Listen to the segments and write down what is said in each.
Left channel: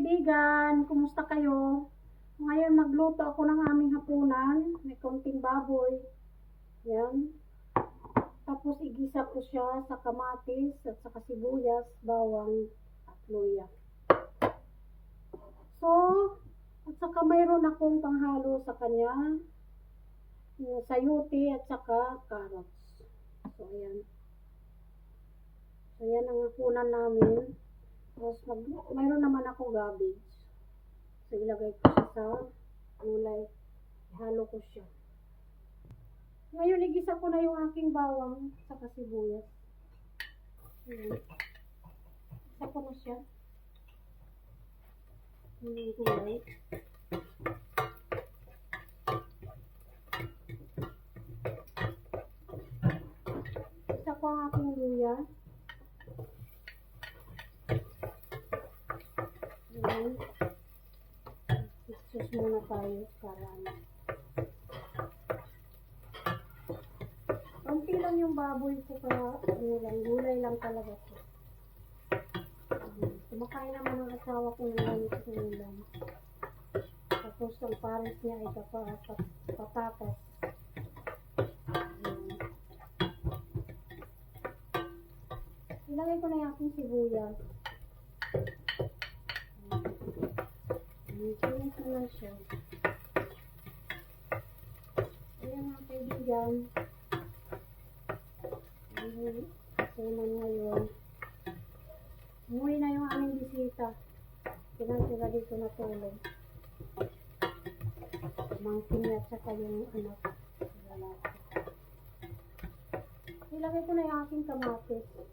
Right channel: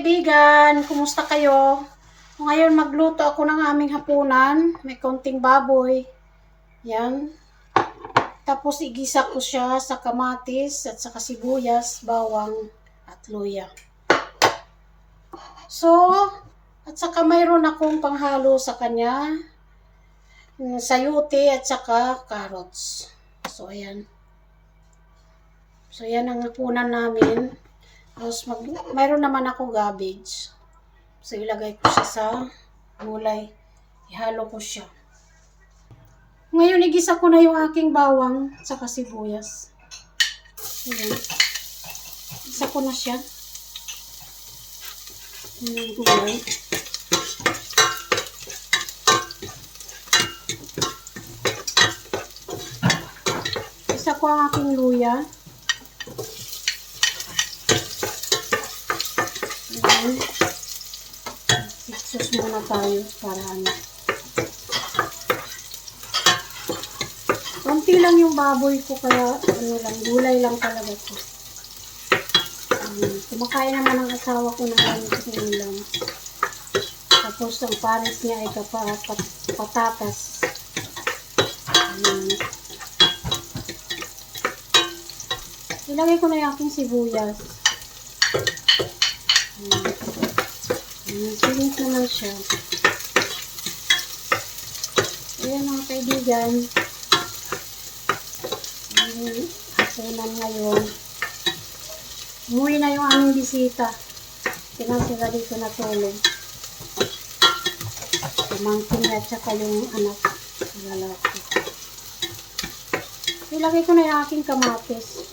kaibigan, kumusta kayo? Ngayon magluto ako ng aming hapunan. May konting baboy. Yan. Tapos igisa ko siya sa kamatis at saka sibuyas, bawang at luya. So, at saka mayroon akong panghalo sa kanya. Sayote at saka carrots. So, ayan. So, yan ang hapunan namin. Tapos, mayroon naman ako cabbage. So, ilagay ko siya sa gulay. Ihalo ko siya. Ngayon, igisa ko na yung aking bawang at saka sibuyas. Ayan. Igisa ko na siya. Ayan ang gulay. Igisa ko ang aking luya. Ayan. Sus muna tayo para ano. Konti lang yung baboy ko kaya ano lang, gulay lang talaga ko. Kumakain naman ang asawa ko ng ganito ulam. Tapos ang pares niya ay patatas. Ilagay ko na yung aking sibuyas. Siling naman siya. Ayan mga kaibigan. Hapunan ngayon. Umuwi na yung aming bisita. Tingnan sila dito natulog. Pamangkin niya at saka yung anak. Lalaki. Ilagay ko na yung aking kamatis.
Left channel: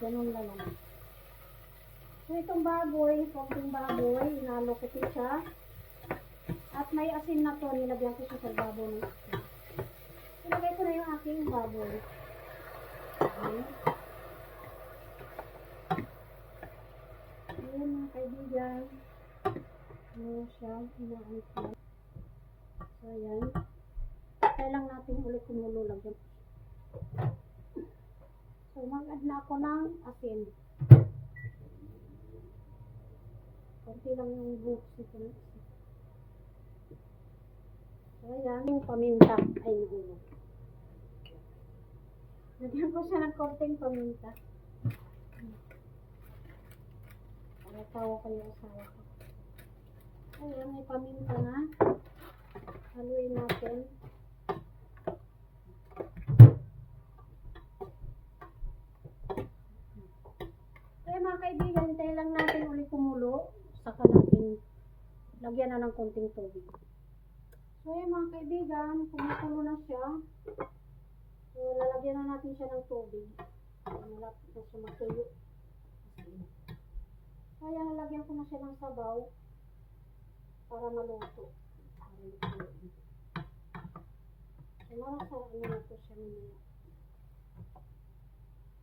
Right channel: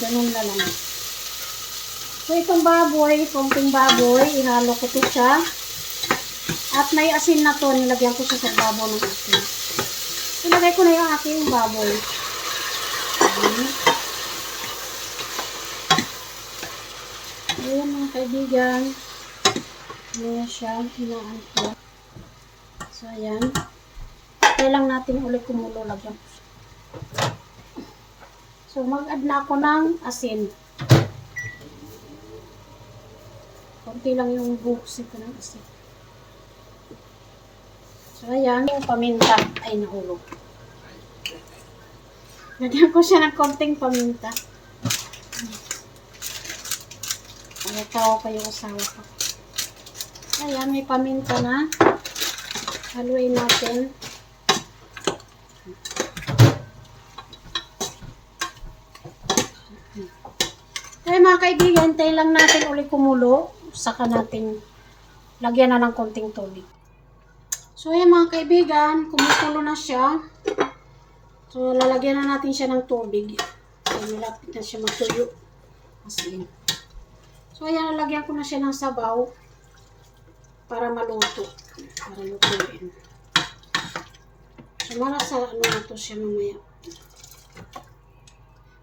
Ganun na lang. So itong baboy, konting baboy, ihalo ko to siya. At may asin na to, nilagyan ko siya sa baboy ng asin. Ilagay ko na yung aking baboy. Ayan mga kaibigan. Ayan siya, hinaan ko. So ayan. Kailang natin ulit kumulo, lagyan ko siya. So mag-add na ako ng asin. Konti lang yung buhos ito ng asin. So, ayan, yung paminta ay nahulog. Lagyan ko siya ng konting paminta. Nagtawa pa yung asawa ko. Ayan, may paminta na. Haluin natin. Kaya mga kaibigan, tayo lang natin ulit kumulo. Saka natin lagyan na ng konting tubig. So, ayan mga kaibigan, kumukulo na siya. So, lalagyan na natin siya ng tubig. So, malapit na siya matuyo. Asin. So, ayan, lalagyan ko na siya ng sabaw para maluto. Para lutuin. So, marasa ano na to siya mamaya.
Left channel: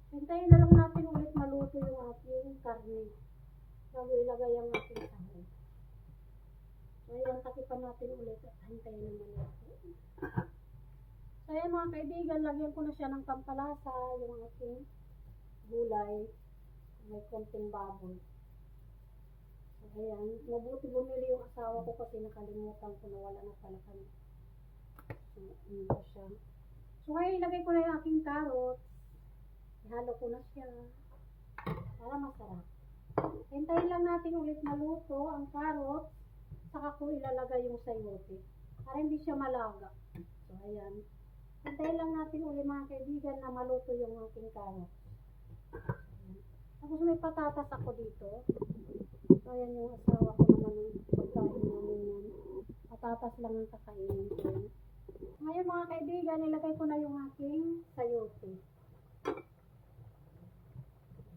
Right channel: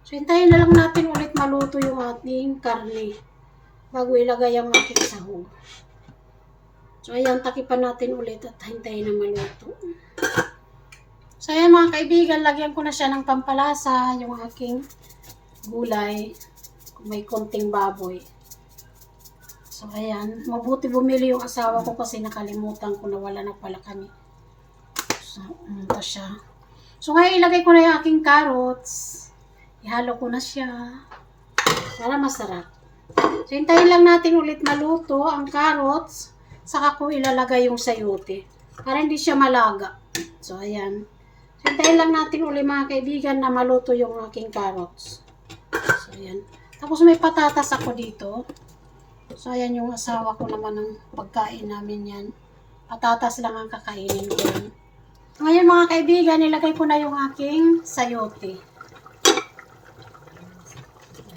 So, hintayin na lang natin ulit maluto yung ating karne bago ilagay ang ating sahog. So, ayan, takipan natin ulit at hintayin na maluto. So, ayan mga kaibigan, lagyan ko na siya ng pampalasa, yung aking gulay. May konting baboy. So, ayan. Mabuti bumili yung asawa ko kasi nakalimutan ko na wala na pala kami. So, ito siya. So, ngayon ilagay ko na yung aking carrots. Ihalo ko na siya para masarap. So, hintayin lang natin ulit maluto ang carrots. Saka ko ilalagay yung sayote para hindi siya malaga. So, ayan. So, hintayin lang natin ulit mga kaibigan na maluto yung aking carrots. So, ayan. Tapos may patatas ako dito. So, ayan yung asawa ko naman ng pagkain namin yan. Patatas lang ang kakainin ko. Ngayon mga kaibigan, nilagay ko na yung aking sayote.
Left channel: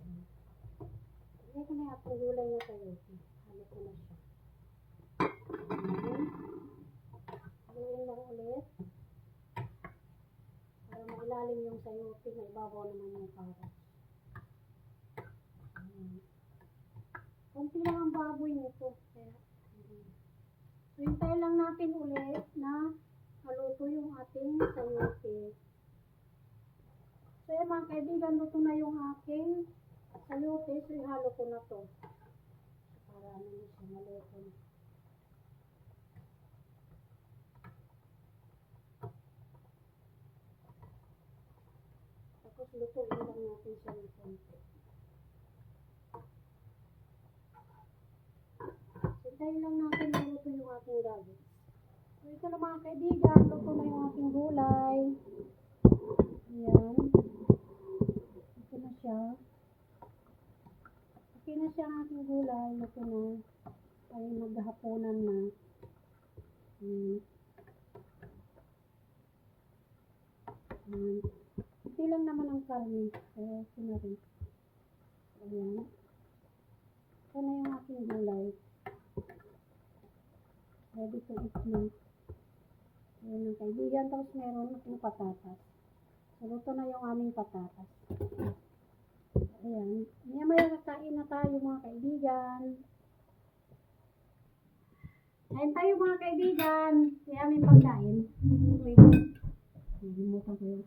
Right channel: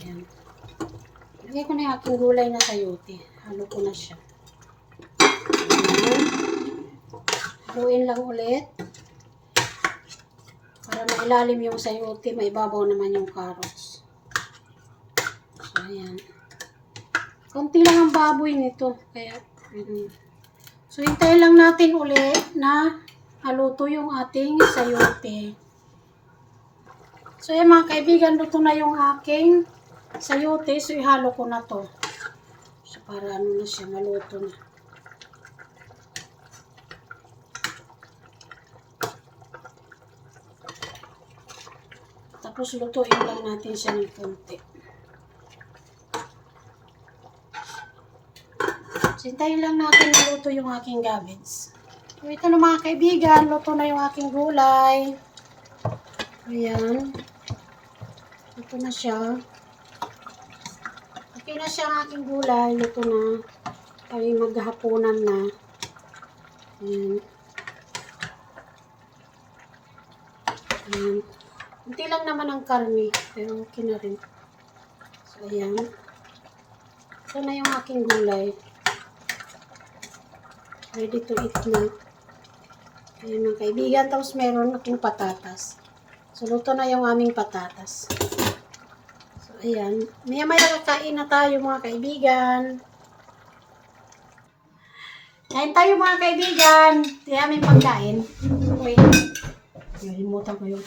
Ayan. Nilagay ko na yung aking gulay na sayote. Halo ko na siya. Haluin lang ulit para mailalim yung sayote, maibabaw naman yung carrots. So, ayan. Konti lang ang baboy nito. Kaya, so, hintayin lang natin ulit na haluto yung ating sayote. So yan mga kaibigan, luto na yung aking sayote. So ihalo ko na to. So para ano na siya, maluto na. Tapos lutuin lang natin siya ng konti. Sintayin lang natin maluto yung aking cabbage. So ito na mga kaibigan, luto na yung aking gulay. Ayan. Luto na siya. Okay na siya ang aking gulay. Luto na. Kami maghahaponan na. Ayan. Ayan. Hindi lang naman ang karne. Pero okay na rin. So ayan. Ito na yung aking gulay. Ready to eat na. Ayan mga kaibigan. Tapos meron akong patatas. So luto na yung aming patatas. So ayan. Maya-maya kakain na tayo mga kaibigan. Kain tayo mga kaibigan. Ito yung aming pagkain. Okay. Nalimutan ko yun.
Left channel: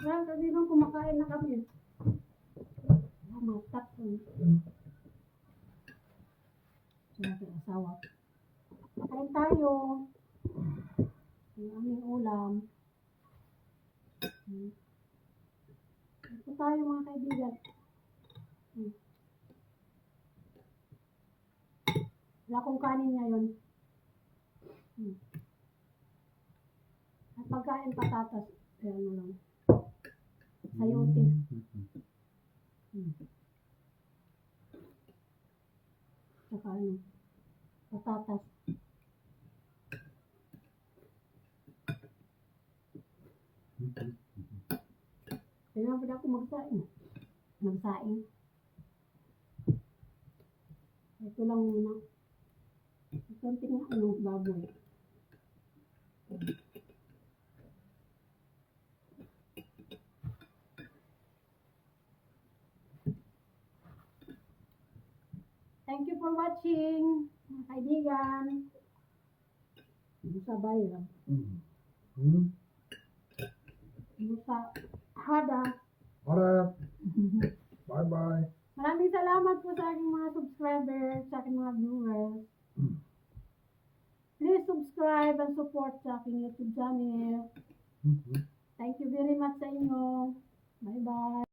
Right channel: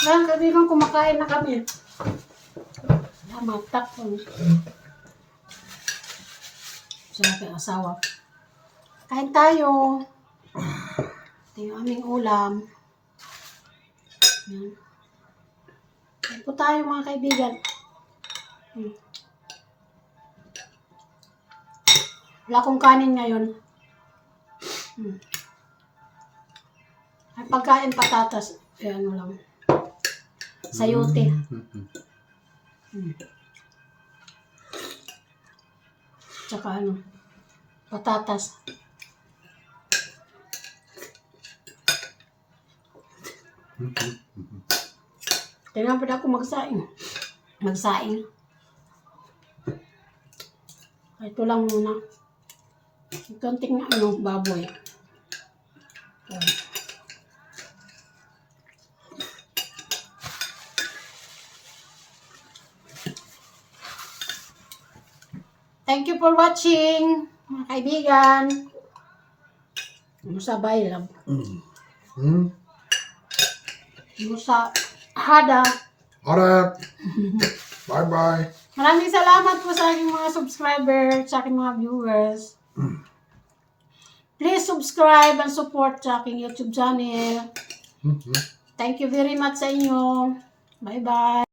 Ayan kaibigan, kumakain na kami. Matak ko. Sarap yung asawa. Kain tayo. Ito yung aming ulam. Ayan. Kain po tayo mga kaibigan. Wala akong kanin ngayon. Ay pagkain patatas. Ayan mo lang. Sayote. Tsaka ano, patatas. Tingnan pa ako magsaing. Magsaing. Ito lang muna. Konting ano, baboy. Ayan. Thank you for watching, mga kaibigan. Musabay lang. Musa hada. Alright. Bye-bye. Maraming salamat po sa aking mga subscribers, sa aking mga viewers. Please subscribe and support sa aking YouTube channel. Thank you very much sa inyo. Bye-bye.